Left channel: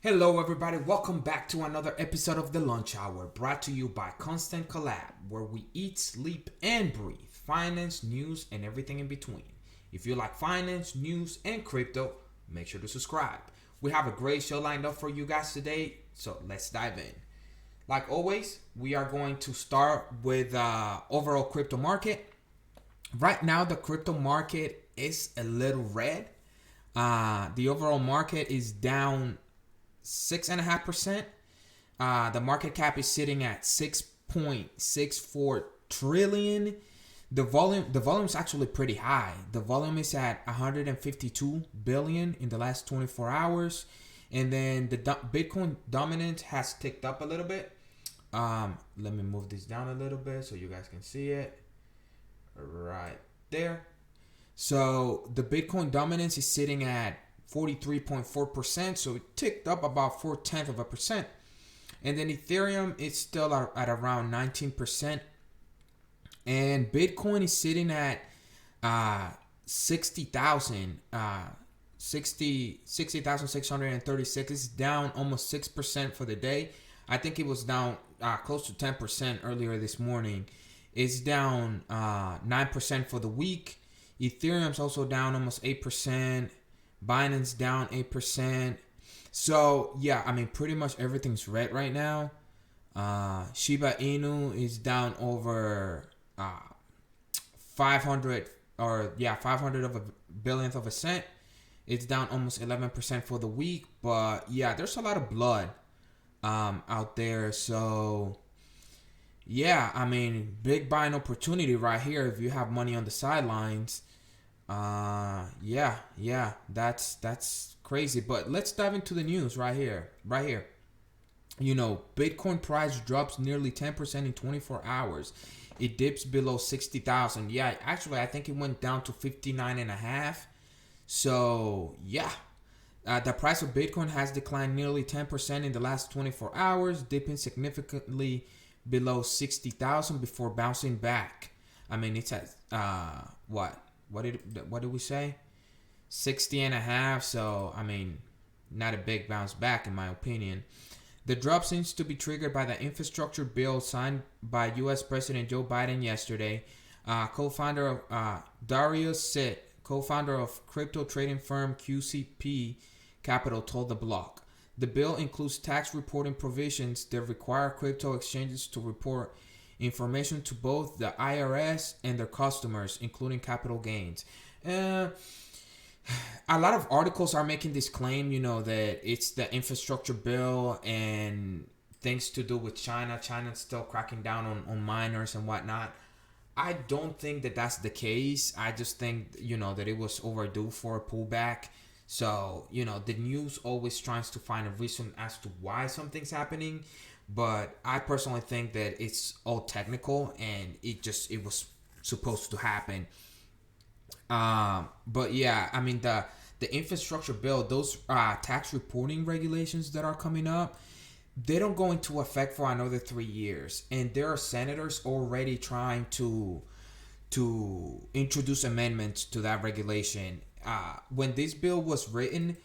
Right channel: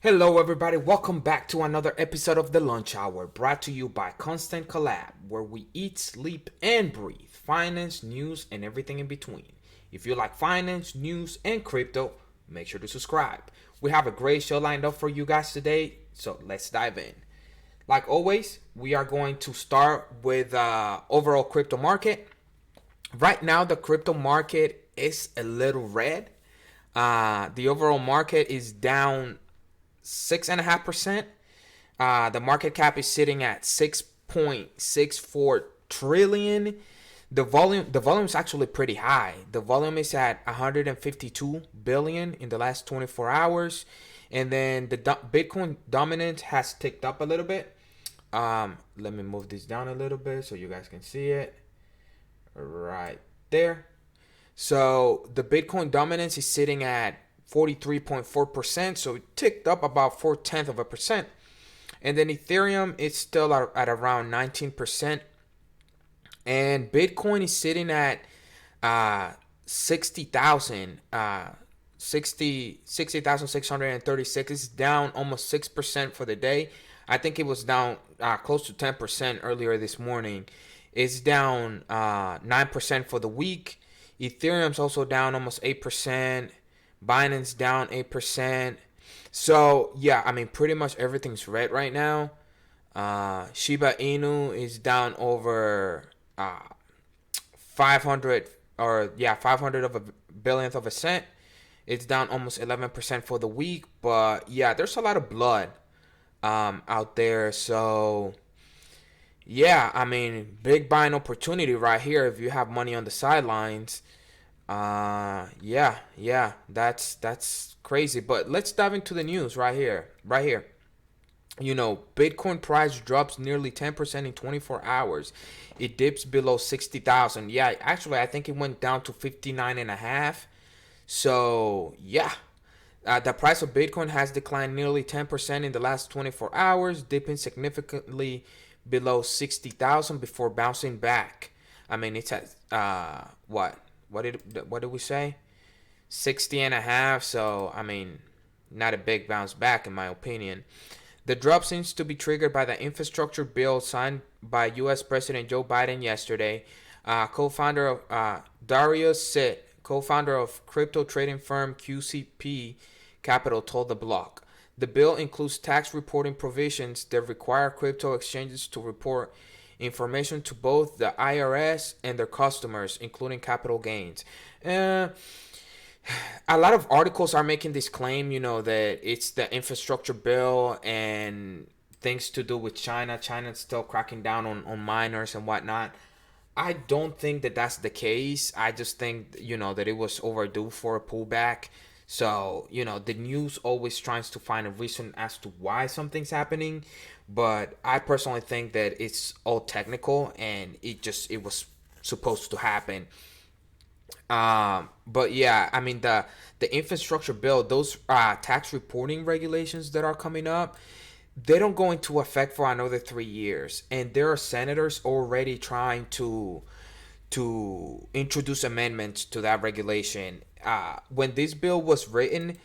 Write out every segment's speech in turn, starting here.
Hello, everybody. Welcome back to another episode of the Lunch Hour, brought to you by Constant Collab, where we eat, sleep, and breathe finance, news, and everything in between. If you like finance, news, and crypto, make sure to subscribe. We have a great show lined up for you guys today, so let's dive in. Like always, we are going to start with overall crypto market. Right now, the crypto market is a little red. The overall market is down 6.5%. The market cap is sitting at 6.64 trillion. The volume is actually pretty high. The volume is at 152 billion in the last 24 hours, and then the Bitcoin dominance has ticked up a little bit. Let me move this down a little bit so you guys can see it right there. So the Bitcoin dominance is sitting at 43.4%, so it ticked up about 0.4%. And then Ethereum is still at around 19%. And Bitcoin is sitting at 60,000, 60,636. It's down almost 6% for the day. I think it was down close to 10% earlier this morning. It's down 9% for the week. Ethereum's also down almost 8%. Binance down 8%. So, yeah, I mean, pretty much everything's red right now. Shiba Inu is down over 500 500 of a billionth of a cent. It's down almost 11% for the week. But, yeah, there's a lot of blood out there. So, yeah, I mean, big buying opportunity right here if you have money on the sidelines. Yeah, that's crazy. But let's dive into the news right here. Right here. Bitcoin price drops nearly 10% in 24 hours. It dips below 60,000. Yeah, actually, I think it went down to 59 and a half. So, yeah. The price of Bitcoin has declined nearly 10% in the last 24 hours, dipping significantly below 60,000 before bouncing back. I mean, it's at what? What did we say? 60 and a half. So, I mean, not a big bounce back in my opinion. The drop seems to be triggered by the infrastructure bill signed by U.S. President Joe Biden yesterday. Co-founder of Darius Sit, co-founder of crypto trading firm QCP Capital, told the block. The bill includes tax reporting provisions that require crypto exchanges to report information to both the IRS and their customers, including capital gains. Uh, a lot of articles are making this claim, that it's the infrastructure bill and things to do with China. China's still cracking down on miners and whatnot. I don't think that that's the case. I just think, that it was overdue for a pullback. So, the news always tries to find a reason as to why something's happening. But I personally think that it's all technical and it was supposed to happen. But yeah, I mean the infrastructure bill, those tax reporting regulations that are coming up, they don't go into effect for another 3 years, and there are senators already trying to introduce amendments to that regulation. When this bill was written,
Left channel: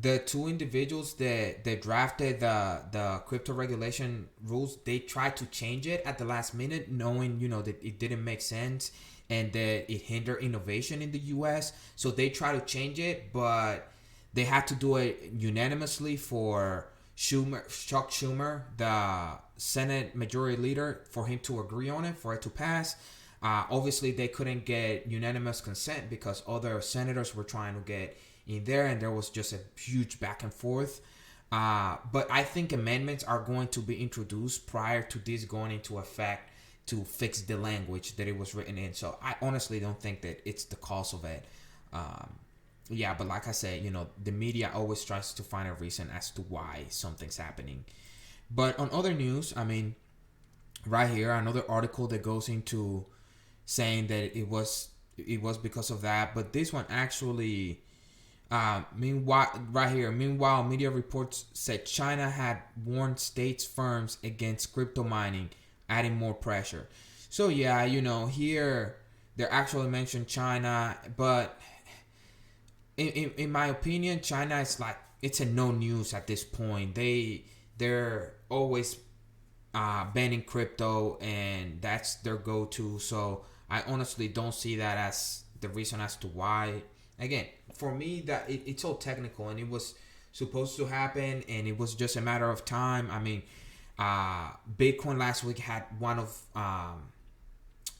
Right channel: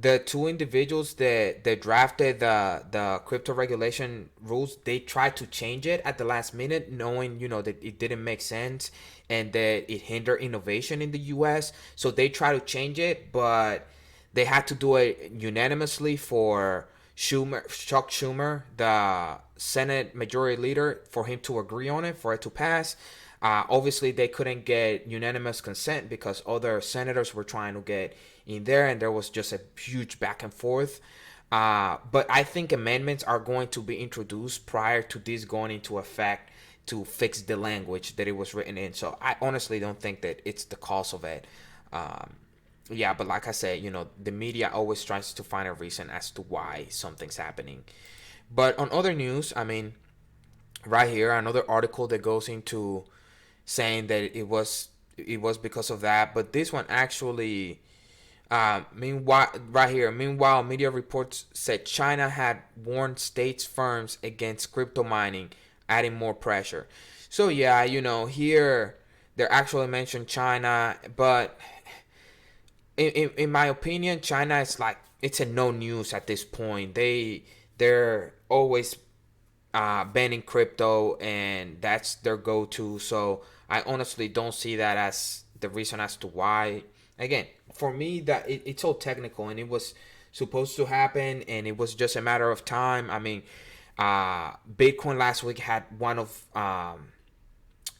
the two individuals that drafted the crypto regulation rules, they tried to change it at the last minute, knowing that it didn't make sense and that it hindered innovation in the US. So they tried to change it, but they had to do it unanimously for Chuck Schumer, the Senate Majority Leader, for him to agree on it, for it to pass. Obviously, they couldn't get unanimous consent because other senators were trying to get in there, and there was just a huge back and forth. But I think amendments are going to be introduced prior to this going into effect to fix the language that it was written in. So I honestly don't think that it's the cause of it. Yeah, but like I said, the media always tries to find a reason as to why something's happening. But on other news, I mean, right here, another article that goes into saying that it was because of that, but this one actually meanwhile, media reports said China had warned states firms against crypto mining, adding more pressure. So yeah, here they actually mentioned China, but in my opinion, China is like it's a no news at this point. They're always banning crypto, and that's their go-to. So I honestly don't see that as the reason as to why. Again, for me, that it's so technical, and it was supposed to happen, and it was just a matter of time. I mean, Bitcoin last week had one of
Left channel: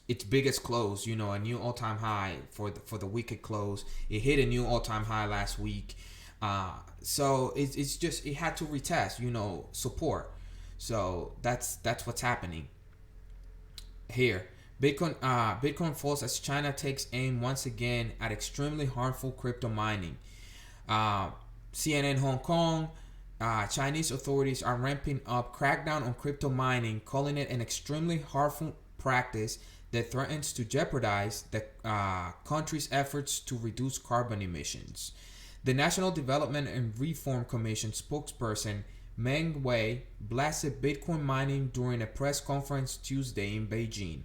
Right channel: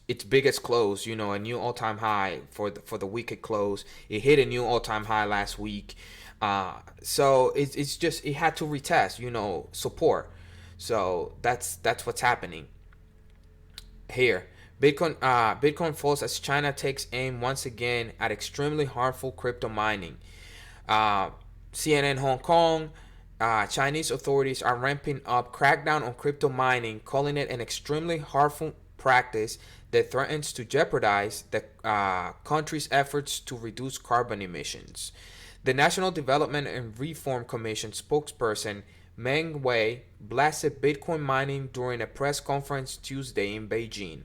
its biggest close, a new all-time high for the week it closed. It hit a new all-time high last week. So it's just it had to retest, support. So that's what's happening here. Bitcoin falls as China takes aim once again at extremely harmful crypto mining. Uh, CNN Hong Kong. Chinese authorities are ramping up crackdown on crypto mining, calling it an extremely harmful practice that threatens to jeopardize the country's efforts to reduce carbon emissions. The National Development and Reform Commission spokesperson Meng Wei blasted Bitcoin mining during a press conference Tuesday in Beijing.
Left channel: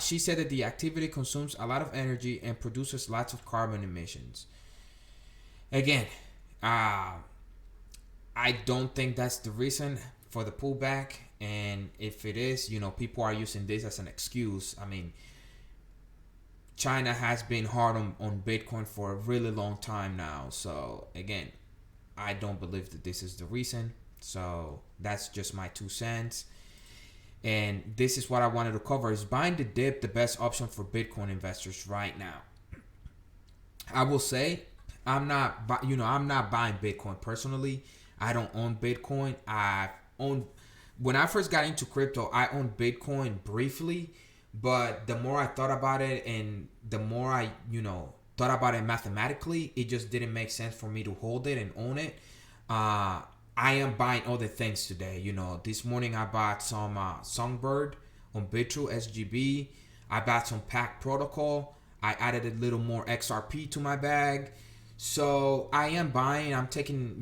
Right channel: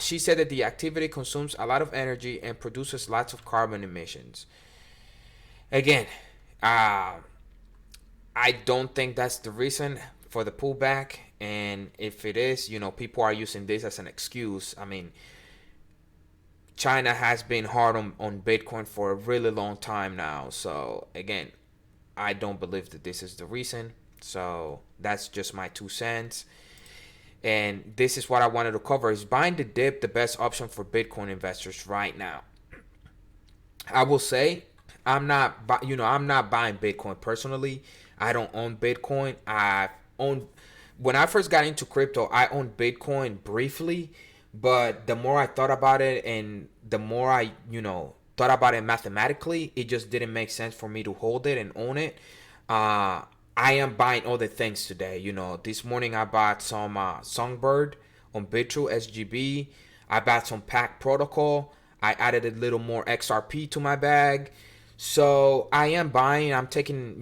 She said that the activity consumes a lot of energy and produces lots of carbon emissions. Again, I don't think that's the reason for the pullback. And if it is, people are using this as an excuse. I mean, China has been hard on Bitcoin for a really long time now. So, again, I don't believe that this is the reason. So, that's just my 2 cents. And this is what I wanted to cover. Is buying the dip the best option for Bitcoin investors right now? I will say I'm not buying Bitcoin personally. I don't own Bitcoin. I own When I first got into crypto, I owned Bitcoin briefly, but the more I thought about it and the more I, thought about it mathematically, it just didn't make sense for me to hold it and own it. I am buying other things today. This morning I bought some Songbird on Bitrue SGB. I bought some Pack Protocol. I added a little more XRP to my bag. So I am buying. I'm taking,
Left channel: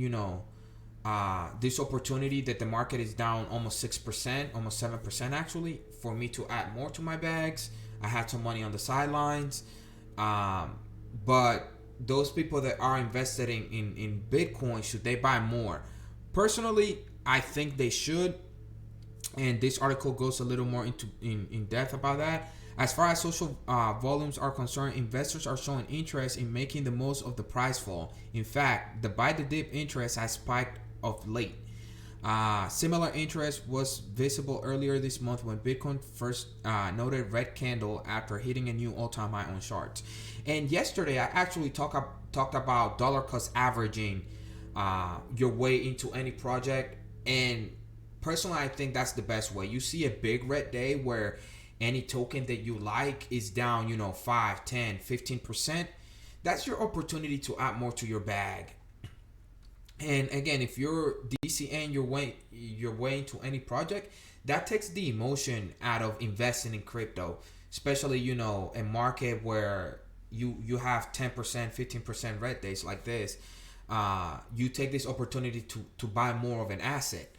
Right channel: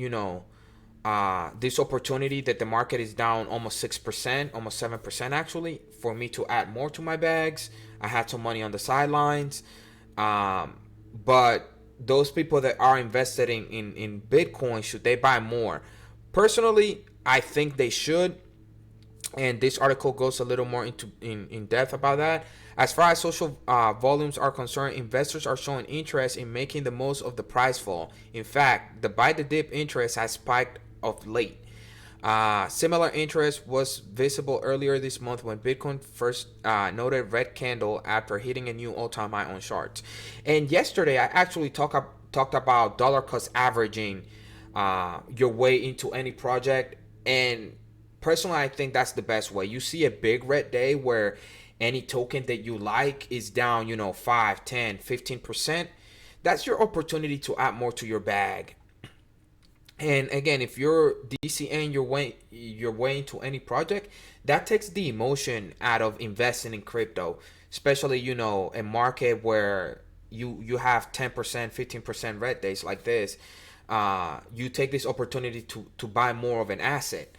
this opportunity that the market is down almost 6%, almost 7% actually, for me to add more to my bags. I had some money on the sidelines. But those people that are invested in Bitcoin, should they buy more? Personally, I think they should. And this article goes a little more in depth about that. As far as social volumes are concerned, investors are showing interest in making the most of the price fall. In fact, the buy the dip interest has spiked of late. Similar interest was visible earlier this month when Bitcoin first noted red candle after hitting a new all-time high on charts. And yesterday, I actually talked about dollar cost averaging your way into any project. And personally, I think that's the best way. You see a big red day where any token that you like is down, 5, 10, 15%. That's your opportunity to add more to your bag. And again, if you're DCN your way into any project, that takes the emotion out of investing in crypto, especially a market where you have 10%, 15% red days like this. You take this opportunity to buy more of an asset.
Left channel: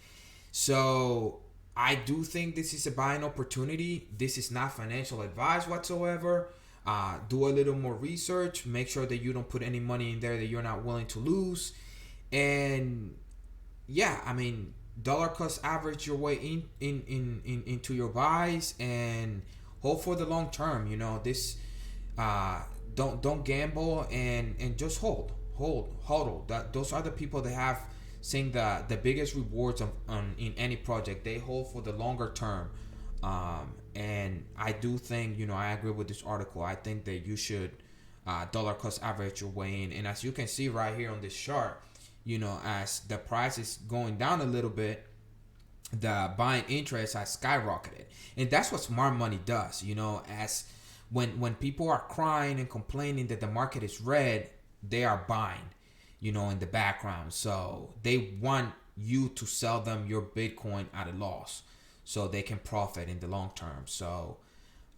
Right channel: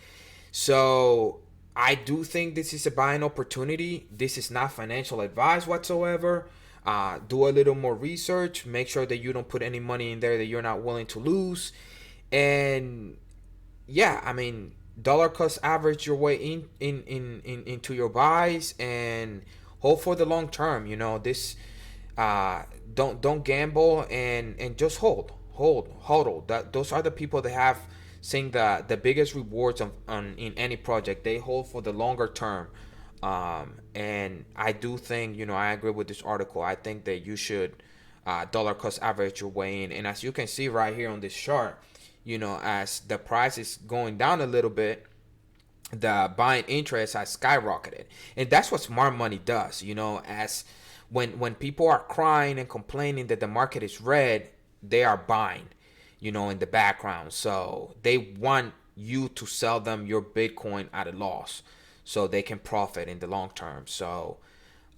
So I do think this is a buying opportunity. This is not financial advice whatsoever. Do a little more research. Make sure that you don't put any money in there that you're not willing to lose. And yeah, I mean, dollar cost average your way into your buys and hold for the long term. This don't gamble and just hold. Those are the people that have seen the biggest rewards in any project. They hold for the longer term. And I do think, I agree with this article. I think that you should dollar cost average your way in. And as you can see right here on this chart, as the price is going down a little bit, the buying interest has skyrocketed. And that's what smart money does. As when people are crying and complaining that the market is red, they are buying, in the background. So they want you to sell them your Bitcoin at a loss so they can profit in the long term. So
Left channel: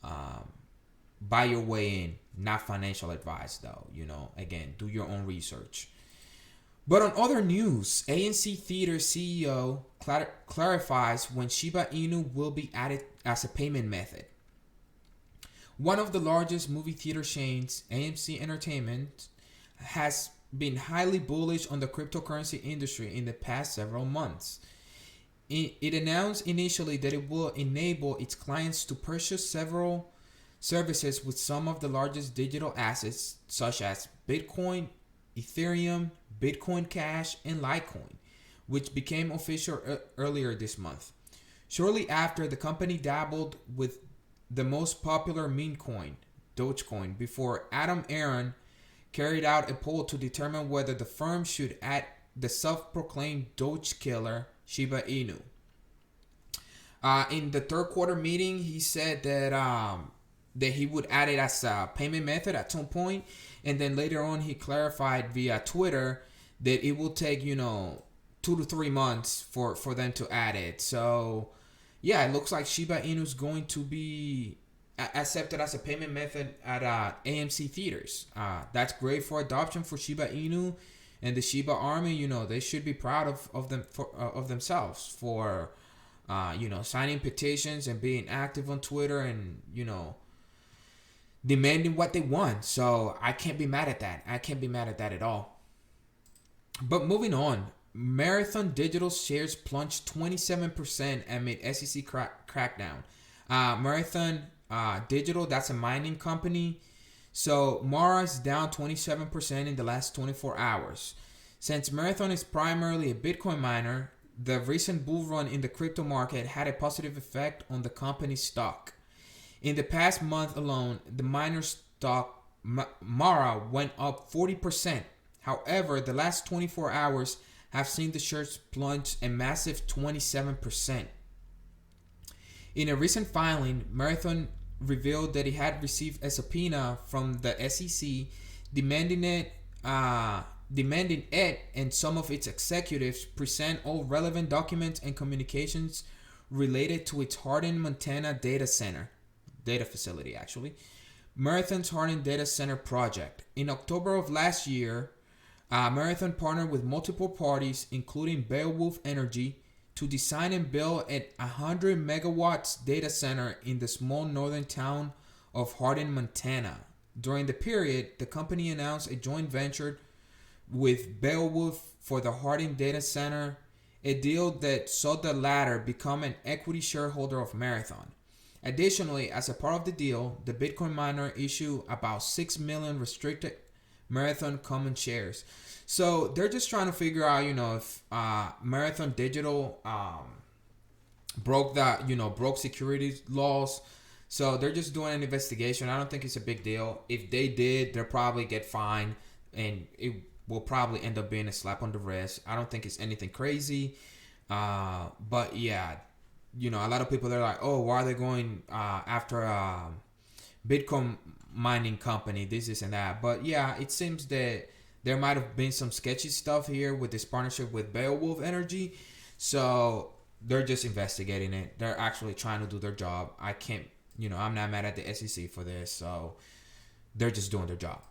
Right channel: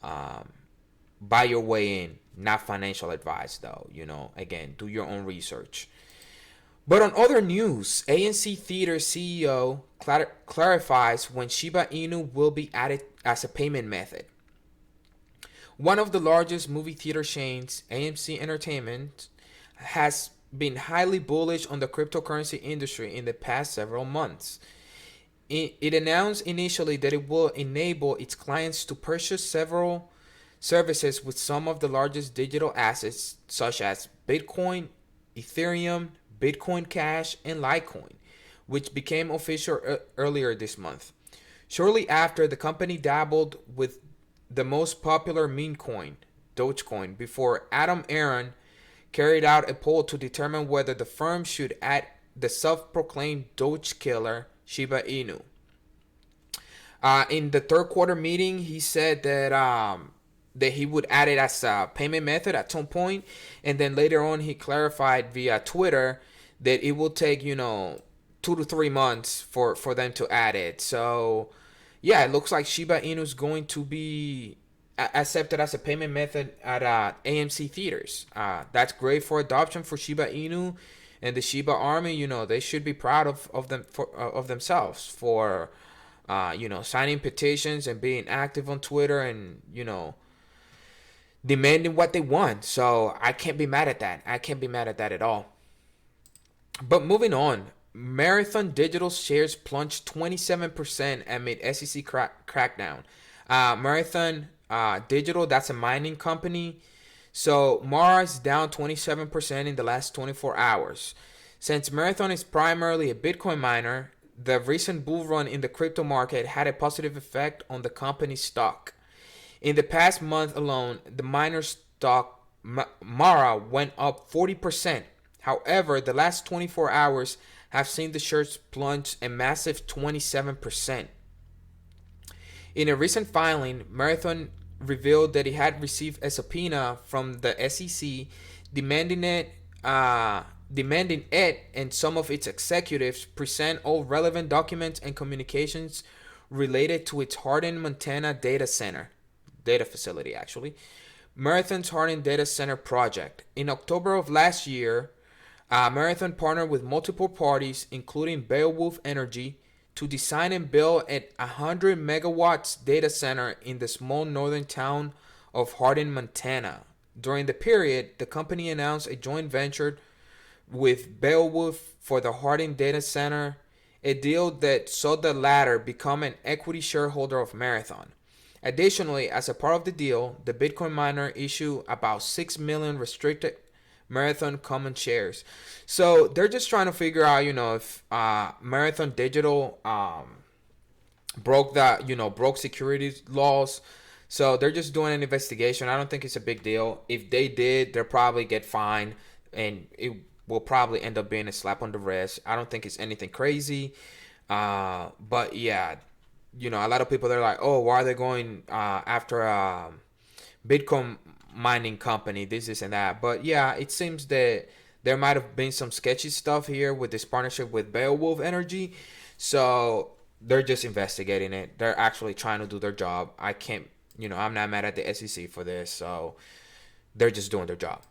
buy your way in, not financial advice though. Again, do your own research. But on other news, AMC Theater CEO clarifies when Shiba Inu will be added as a payment method. One of the largest movie theater chains, AMC Entertainment, has been highly bullish on the cryptocurrency industry in the past several months. It announced initially that it will enable its clients to purchase several services with some of the largest digital assets, such as Bitcoin, Ethereum, Bitcoin Cash, and Litecoin, which became official earlier this month. Shortly after, the company dabbled with the most popular meme coin, Dogecoin, before Adam Aaron carried out a poll to determine whether the firm should add the self-proclaimed Doge killer Shiba Inu. In the third quarter meeting, he said that he would add it as a payment method at some point, and then later on he clarified via Twitter that it will take 2 to 3 months for them to add it. So yeah, it looks like Shiba Inu is going to be accepted as a payment method at AMC theaters. That's great for adoption for Shiba Inu and the Shiba army. They should be proud of themselves for signing petitions and being active on Twitter and demanding what they want. So I can't be mad at that. I can't be mad at that at all. But moving on, Marathon Digital shares plunged 27% amid SEC crackdown. Marathon Digital, that's a mining company. So Mara is down 27% in the last 24 hours. Since Marathon is primarily a Bitcoin miner, the recent bull run in the crypto market had a positive effect on the company's stock. In the past month alone, the miner stock Mara went up 40%. However, the last 24 hours have seen the shares plunge a massive 27%. In a recent filing, Marathon revealed that it had received a subpoena from the SEC demanding it and some of its executives present all relevant documents and communications related to its Hardin, Montana data facility actually. Marathon's Hardin data center project. In October of last year, Marathon partnered with multiple parties, including Beowulf Energy, to design and build a 100 megawatts data center in the small northern town of Hardin, Montana. During the period, the company announced a joint venture with Beowulf for the Hardin data center, a deal that saw the latter become an equity shareholder of Marathon. Additionally, as a part of the deal, the Bitcoin miner issued about 6 million restricted Marathon common shares. So they're just trying to figure out, if Marathon Digital broke securities laws. So they're just doing an investigation. I don't think it's a big deal. If they did, they'll probably get fined, and it will probably end up being a slap on the wrist. I don't think it's anything crazy. But yeah, a lot of people, they're like, oh, why are they going after Bitcoin mining company, this and that. But yeah, it seems that there might have been some sketchy stuff here with this partnership with Beowulf Energy. So they're just investigating it. They're actually trying to do their job. I can't, I'm not mad at the SEC for this. So they're just doing their job.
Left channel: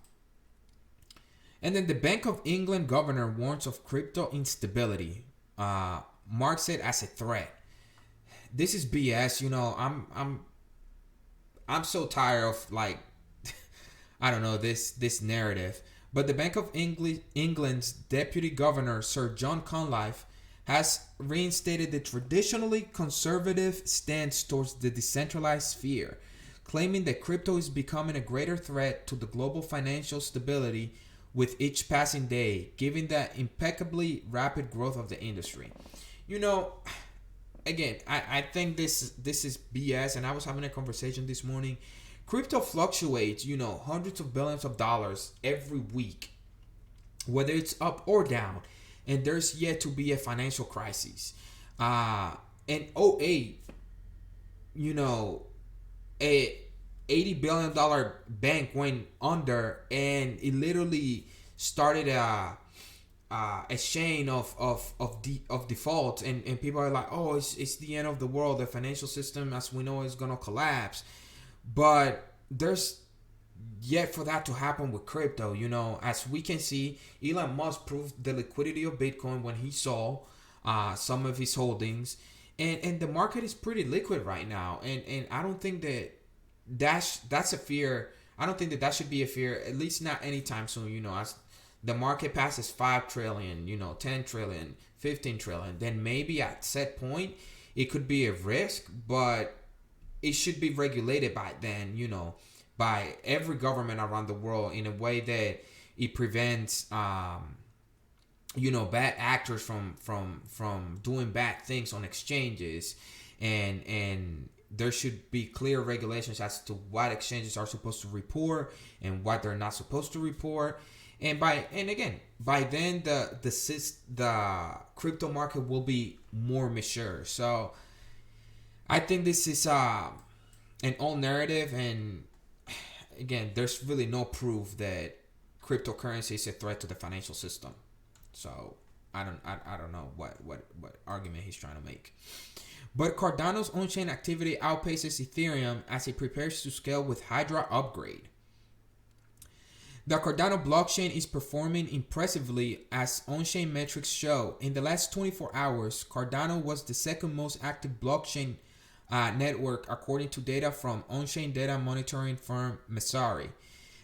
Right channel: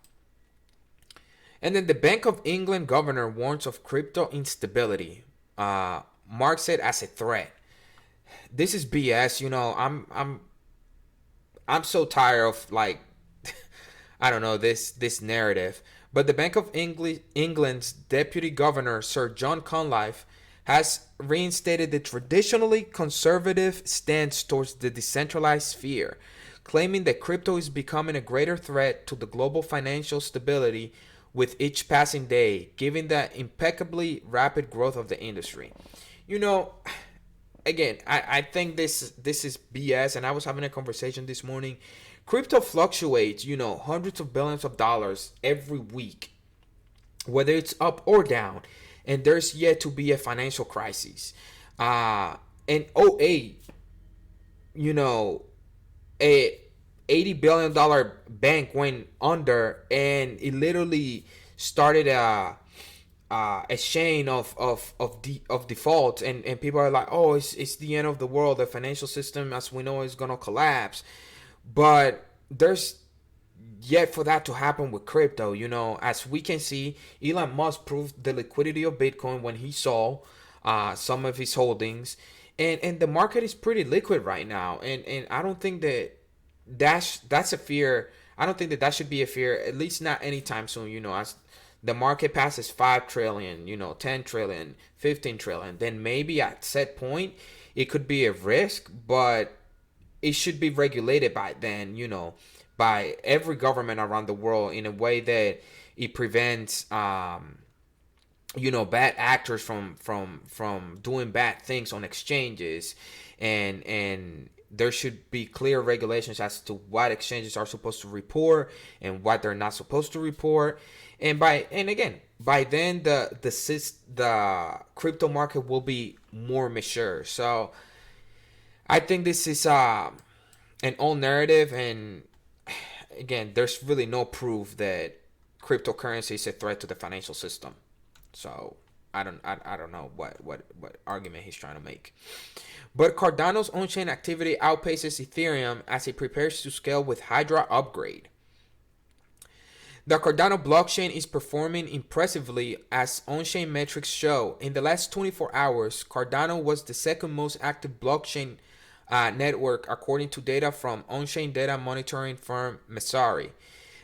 And then the Bank of England governor warns of crypto instability. Marks it as a threat. This is BS. I'm so tired of I don't know, this narrative. But the Bank of England's Deputy Governor, Sir John Conlife, has reinstated the traditionally conservative stance towards the decentralized sphere, claiming that crypto is becoming a greater threat to the global financial stability with each passing day, given the impeccably rapid growth of the industry. Again, I think this is BS, and I was having a conversation this morning. Crypto fluctuates, hundreds of billions of dollars every week, whether it's up or down, and there's yet to be a financial crisis. In '08, a $80 billion bank went under, and it literally started a chain of defaults, and people are like, oh, it's the end of the world. The financial system as we know is gonna collapse. But there's yet for that to happen with crypto. As we can see, Elon Musk proved the liquidity of Bitcoin when he sold some of his holdings, and the market is pretty liquid right now. And I don't think that's a fear. I don't think that should be a fear, at least not anytime soon. As the market passes 5 trillion, 10 trillion, 15 trillion, then maybe at set point it could be a risk, but it should be regulated by then, by every government around the world in a way that it prevents bad actors from doing bad things on exchanges, and there should be clear regulations as to what exchanges are supposed to report and what they're not supposed to report. And again, by then the crypto market will be more mature. So I think this is an old narrative, and again, there's really no proof that cryptocurrency is a threat to the financial system. So I don't know what argument he's trying to make. But Cardano's on-chain activity outpaces Ethereum as it prepares to scale with Hydra upgrade. The Cardano blockchain is performing impressively as on-chain metrics show. In the last 24 hours, Cardano was the second most active blockchain network according to data from on-chain data monitoring firm Messari.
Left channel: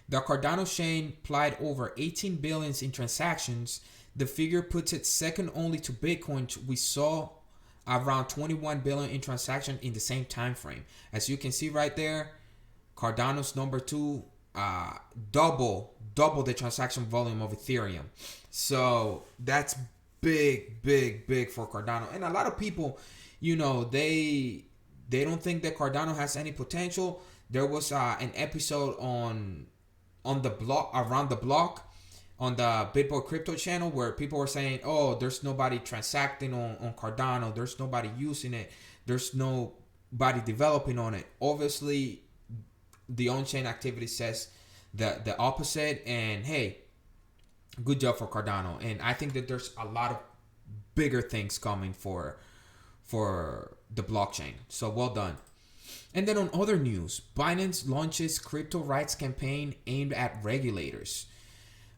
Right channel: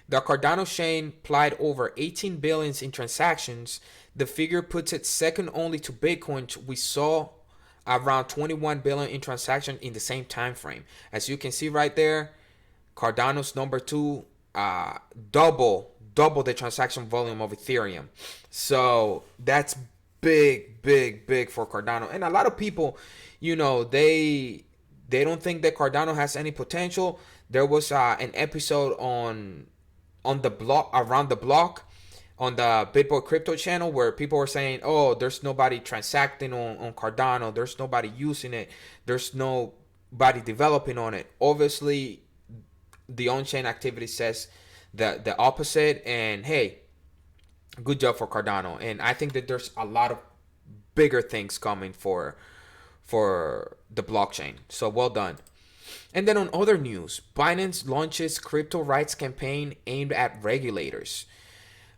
The Cardano chain plied over 18 billion in transactions. The figure puts it second only to Bitcoin. We saw around 21 billion in transactions in the same time frame. As you can see right there, Cardano's number 2, double the transaction volume of Ethereum. So that's big for Cardano. And a lot of people, they don't think that Cardano has any potential. There was an episode on the block, around the block, on the BitBoy Crypto channel, where people were saying, oh, there's nobody transacting on Cardano, there's nobody using it, there's nobody developing on it. Obviously, the on-chain activity says the opposite, and hey, good job for Cardano. And I think that there's a lot of bigger things coming for the blockchain. So well done. And then on other news, Binance launches crypto rights campaign aimed at regulators.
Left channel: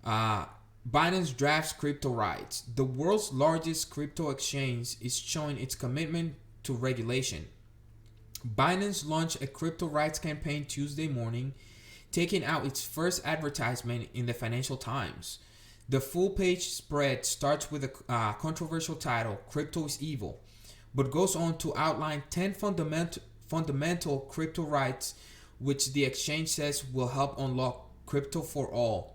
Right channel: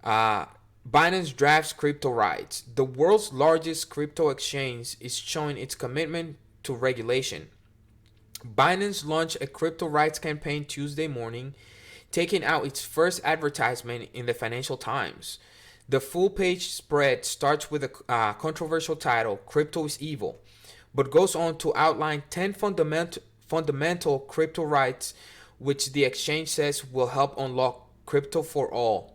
Binance drafts crypto rights. The world's largest crypto exchange is showing its commitment to regulation. Binance launched a crypto rights campaign Tuesday morning, taking out its first advertisement in the Financial Times. The full-page spread starts with a controversial title, "Crypto is Evil," but goes on to outline 10 fundamental crypto rights which the exchange says will help unlock crypto for all.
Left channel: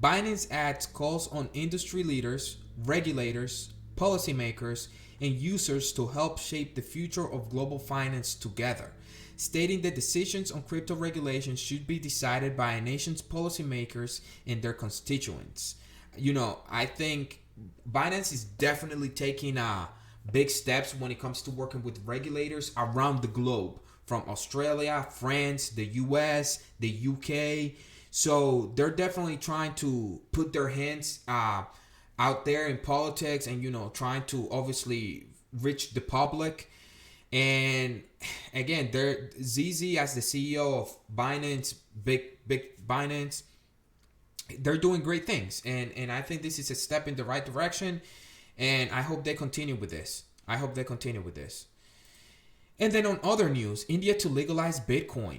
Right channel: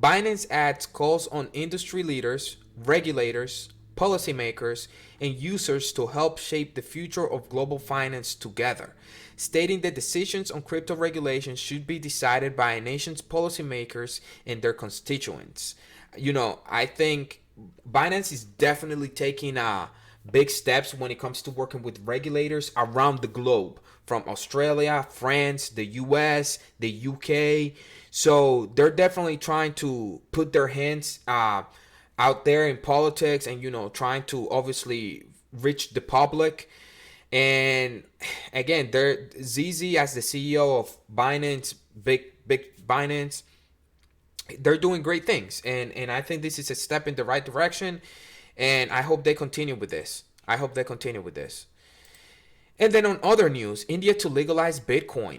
Binance adds calls on industry leaders, regulators, policymakers, and users to help shape the future of global finance together, stating that decisions on crypto regulation should be decided by a nation's policymakers and their constituents. I think Binance is definitely taking big steps when it comes to working with regulators around the globe, from Australia, France, the US, the UK. So they're definitely trying to put their hands out there in politics, and trying to obviously reach the public. And again, they're ZZ as the CEO of Binance, big Binance. They're doing great things, and I think this is a step in the right direction. And I hope they continue with this. And then on other news, India to legalize Bitcoin.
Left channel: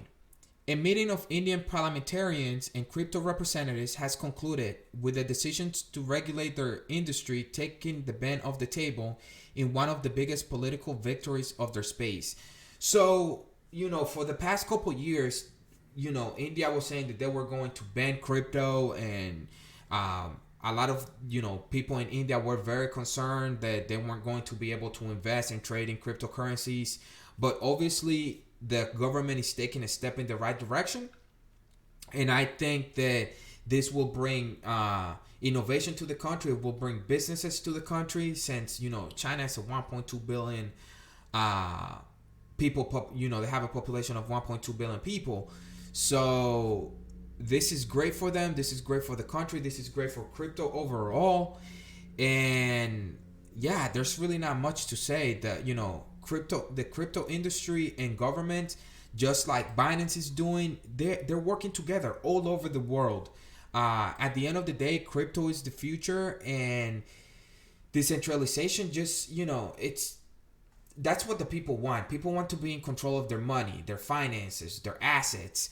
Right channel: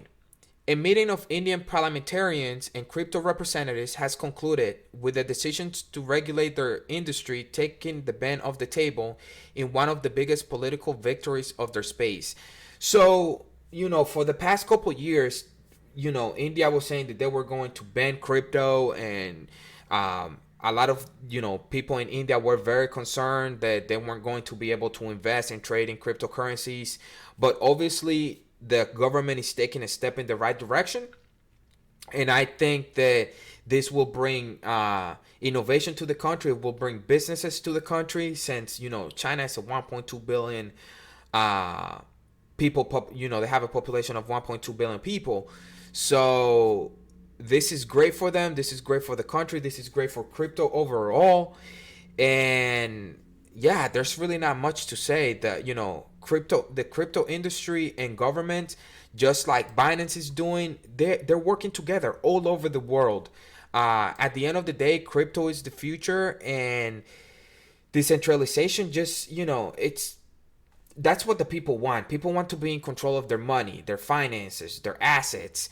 A meeting of Indian parliamentarians and crypto representatives has concluded with the decisions to regulate their industry, taking the ban off the table in one of the biggest political victories of their space. So, for the past couple years, India was saying that they were going to ban crypto, and a lot of people in India were very concerned that they weren't going to be able to invest and trade in cryptocurrencies. But obviously, the government is taking a step in the right direction, and I think that this will bring innovation to the country. It will bring businesses to the country, since China is a 1.2 billion people. They have a population of 1.2 billion people. So this is great for them. This is great for the country. This is great for crypto overall. And yeah, there's really not much to say. That the crypto industry and government, just like Binance is doing, they're working together all over the world. At the end of the day, crypto is the future, and decentralization that's what the people want. People want to be in control of their money, their finances, their assets.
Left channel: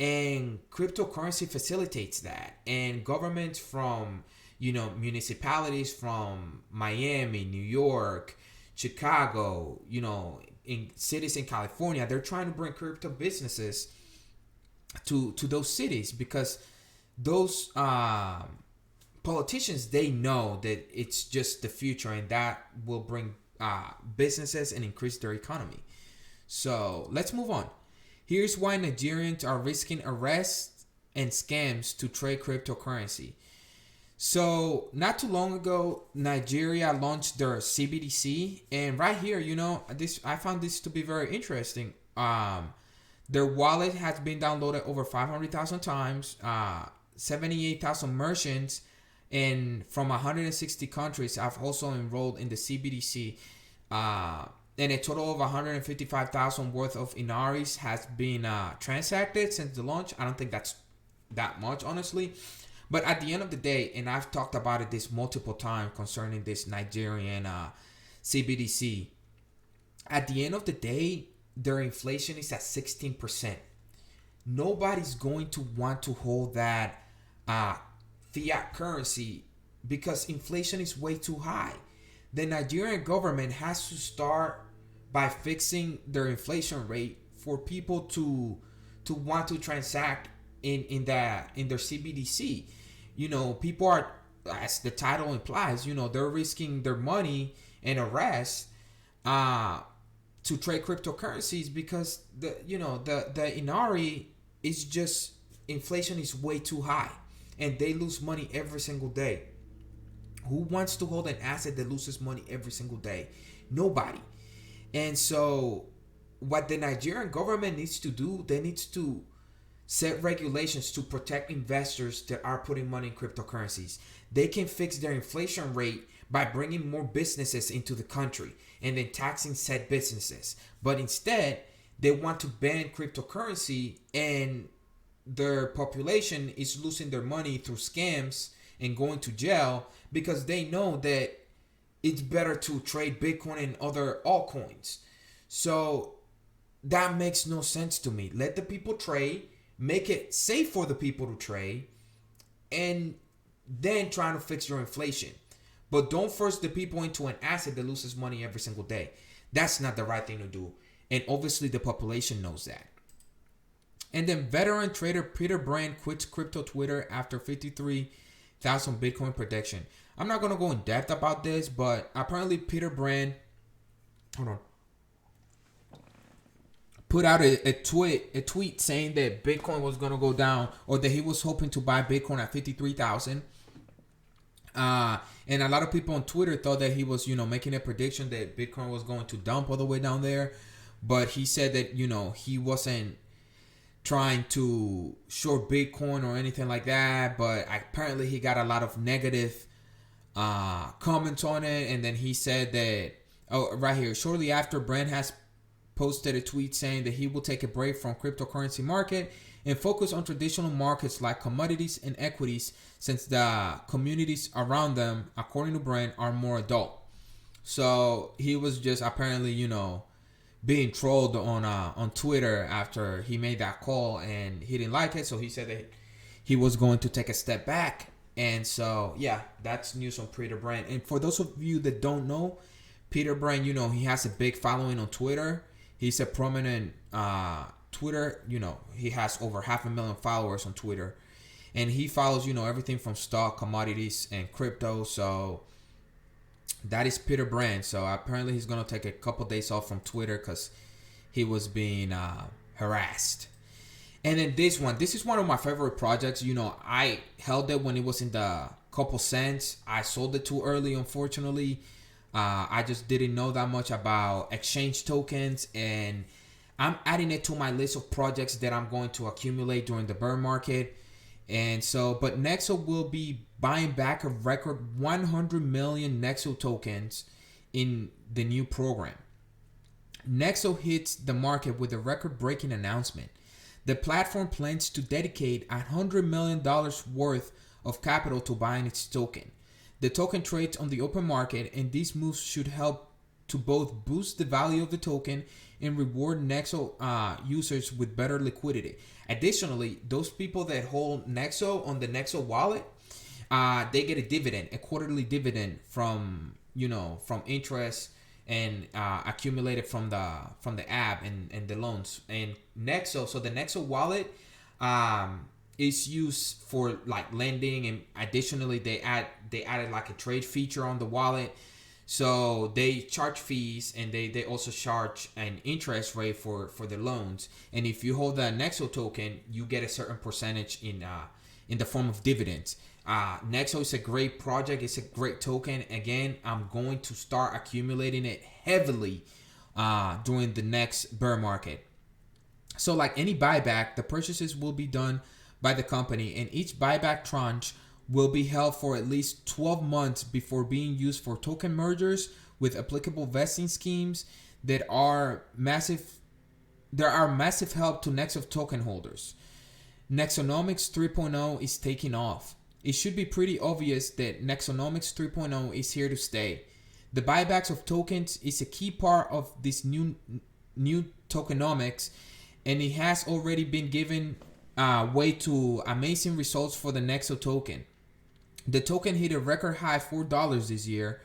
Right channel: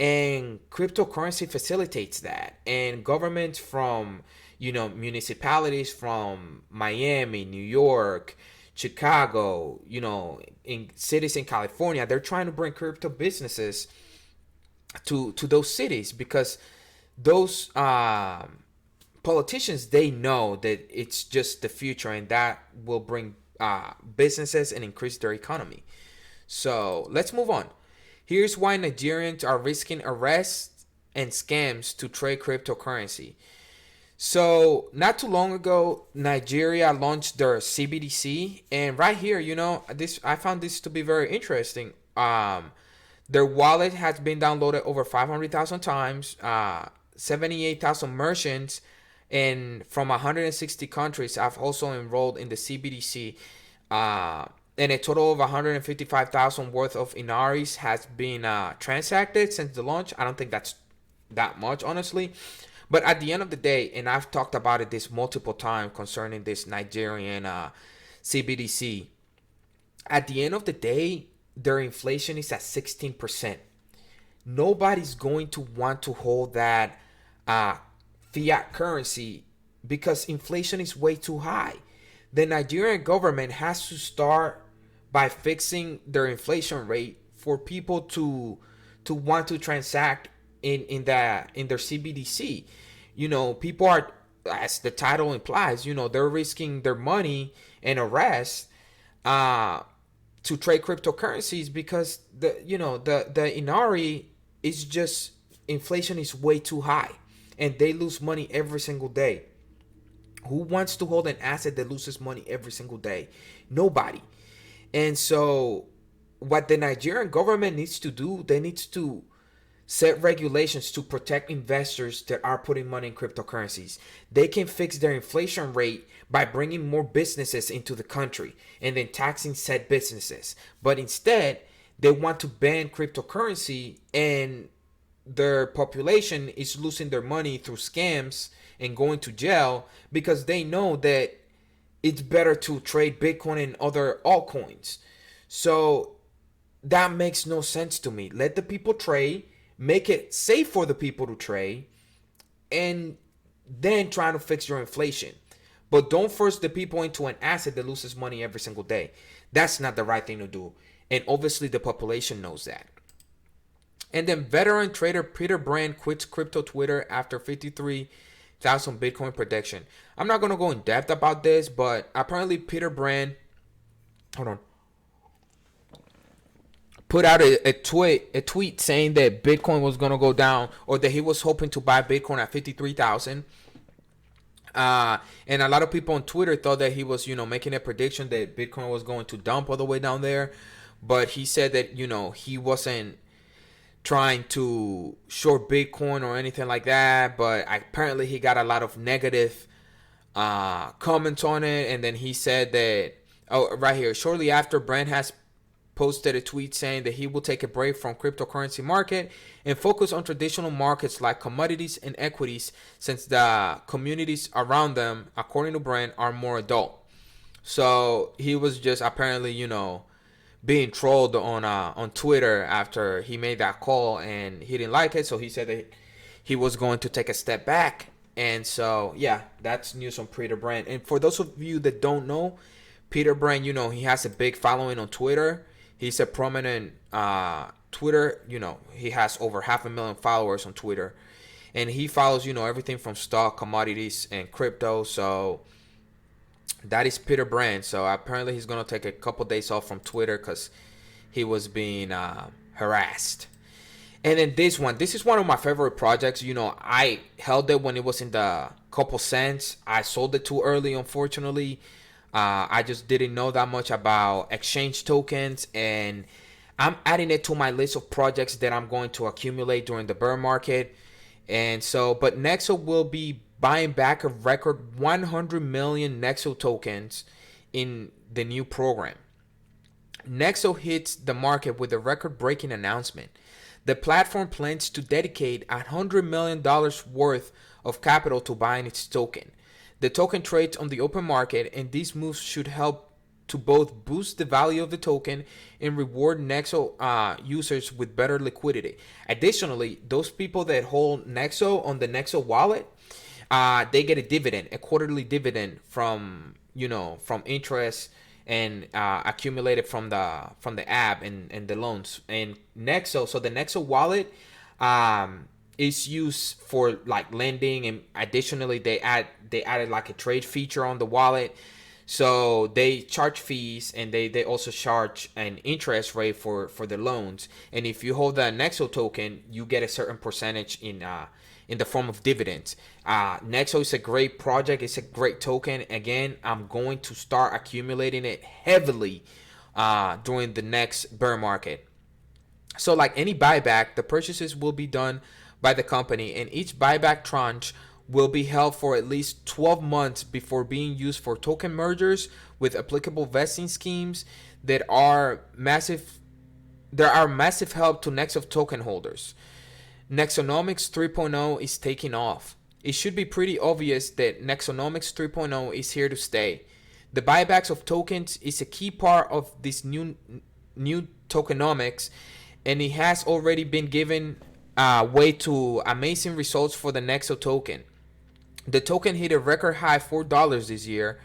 And cryptocurrency facilitates that. And governments from, municipalities from Miami, New York, Chicago, in cities in California, they're trying to bring crypto businesses to those cities, because those politicians, they know that it's just the future, and that will bring businesses and increase their economy. So let's move on. Here's why Nigerians are risking arrests and scams to trade cryptocurrency. So not too long ago, Nigeria launched their CBDC, and right here, this I found this to be very interesting. Their wallet has been downloaded over 500,000 times. 78,000 merchants and from 160 countries have also enrolled in the CBDC. And a total of 155,000 worth of Inaris has been transacted since the launch. I don't think that's that much, honestly. But at the end of the day, and I've talked about it this multiple times concerning this Nigerian CBDC, at the end of the day, their inflation is at 16%. Nobody's going to want to hold that fiat currency because inflation is way too high. The Nigerian government has to start by fixing their inflation rate for people to want to transact in their CBDC. People are, as the title implies, they're risking their money and arrest to trade cryptocurrencies because the Inari is just, inflation is way too high and they lose money every single day. Who wants to hold an asset that loses money every single day? Nobody. And so what the Nigerian government needs to do, they need to set regulations to protect investors that are putting money in cryptocurrencies. They can fix their inflation rate by bringing more businesses into the country and then taxing said businesses. But instead, they want to ban cryptocurrency, and their population is losing their money through scams and going to jail because they know that it's better to trade Bitcoin and other altcoins. So that makes no sense to me. Let the people trade, make it safe for the people to trade, and then try to fix your inflation. But don't force the people into an asset that loses money every single day. That's not the right thing to do. And obviously the population knows that. And then veteran trader Peter Brand quits crypto Twitter after 53,000 Bitcoin prediction. I'm not going to go in depth about this, but apparently Peter Brand, put out a tweet saying that Bitcoin was going to go down, or that he was hoping to buy Bitcoin at 53,000. And a lot of people on Twitter thought that he was, making a prediction that Bitcoin was going to dump all the way down there. But he said that, he wasn't trying to short Bitcoin or anything like that. But apparently he got a lot of negative comments on it. And then he said that, right here, shortly after, Brand has posted a tweet saying that he will take a break from cryptocurrency market and focus on traditional markets like commodities and equities, since the communities around them, according to Brand, are more adult. So he was just apparently, being trolled on Twitter after he made that call, and he didn't like it. So he said that he was going to take a step back. And so, yeah, that's news on Peter Brand. And for those of you that don't know, Peter Brand, he has a big following on Twitter. He's a prominent Twitter, he has over 500,000 followers on Twitter. And he follows, everything from stock, commodities, and crypto. So that is Peter Brand. So apparently he's going to take a couple days off from Twitter because he was being harassed. And then this is one of my favorite projects. I held it when it was in the couple cents. I sold it too early, unfortunately. I just didn't know that much about exchange tokens, and I'm adding it to my list of projects that I'm going to accumulate during the bear market. And so, but Nexo will be buying back a record 100 million Nexo tokens in the new program. Nexo hits the market with a record-breaking announcement. The platform plans to dedicate $100 million worth of capital to buying its token. The token trades on the open market, and these moves should help to both boost the value of the token and reward Nexo users with better liquidity. Additionally, those people that hold Nexo on the Nexo wallet, they get a dividend, a quarterly dividend from from interest and accumulated from the app and the loans and Nexo. So the Nexo wallet is used for like lending, and additionally they added like a trade feature on the wallet. So they charge fees, and they also charge an interest rate for the loans. And if you hold the Nexo token, you get a certain percentage in the form of dividends. Nexo is a great project. It's a great token. Again, I'm going to start accumulating it heavily during the next bear market. So like any buyback, the purchases will be done by the company, and each buyback tranche will be held for at least 12 months before being used for token mergers with applicable vesting schemes that are massive. There are massive help to Nexo token holders. Nexonomics 3.0 is taking off. It should be pretty obvious that Nexonomics 3.0 is here to stay. The buybacks of tokens is a key part of this new tokenomics, and it has already been given way to amazing results for the Nexo token. The token hit a record high $4 this year,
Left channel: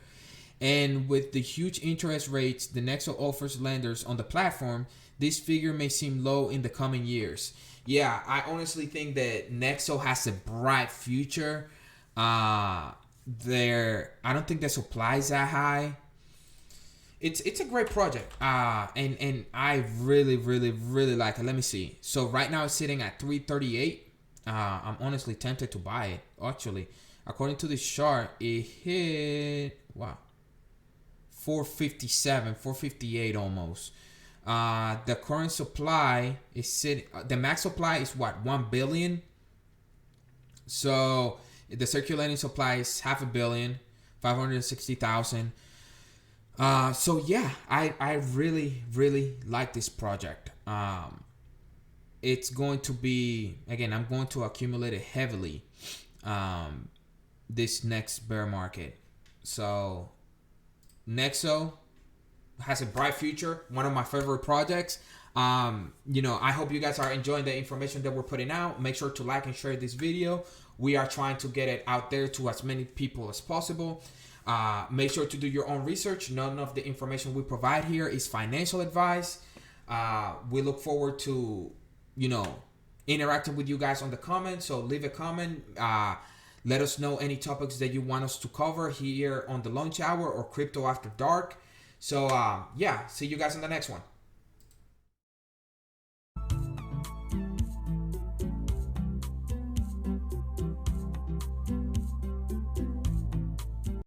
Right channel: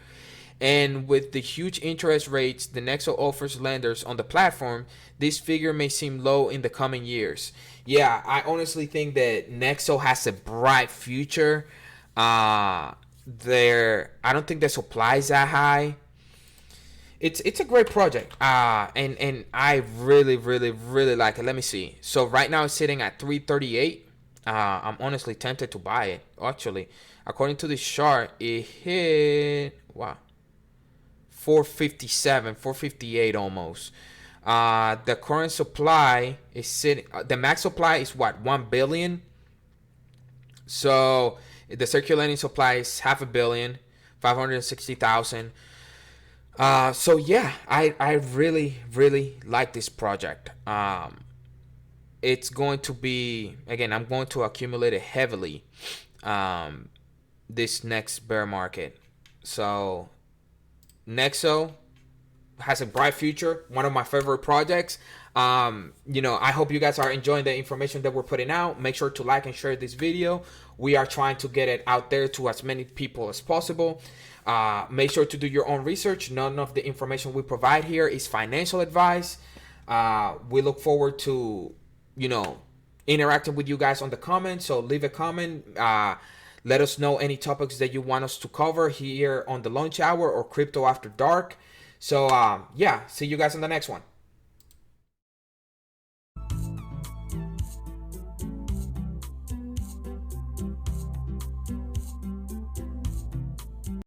and with the huge interest rates the Nexo offers lenders on the platform, this figure may seem low in the coming years. Yeah, I honestly think that Nexo has a bright future. I don't think the supply is that high. It's a great project. And I really like it. Let me see. So right now it's sitting at 338. I'm honestly tempted to buy it. Actually, according to this chart, it hit 457, 458 almost. The current supply is sitting. The max supply is 1 billion. So the circulating supply is 500 million, 560,000. So yeah, I really like this project. It's going to be, again, I'm going to accumulate it heavily this next bear market. So Nexo has a bright future, one of my favorite projects. I hope you guys are enjoying the information that we're putting out. Make sure to like and share this video. We are trying to get it out there to as many people as possible. Make sure to do your own research. None of the information we provide here is financial advice. We look forward to, interacting with you guys on the comments. So leave a comment. Let us know any topics that you want us to cover here on the Lunch Hour or Crypto After Dark. So, see you guys in the next one.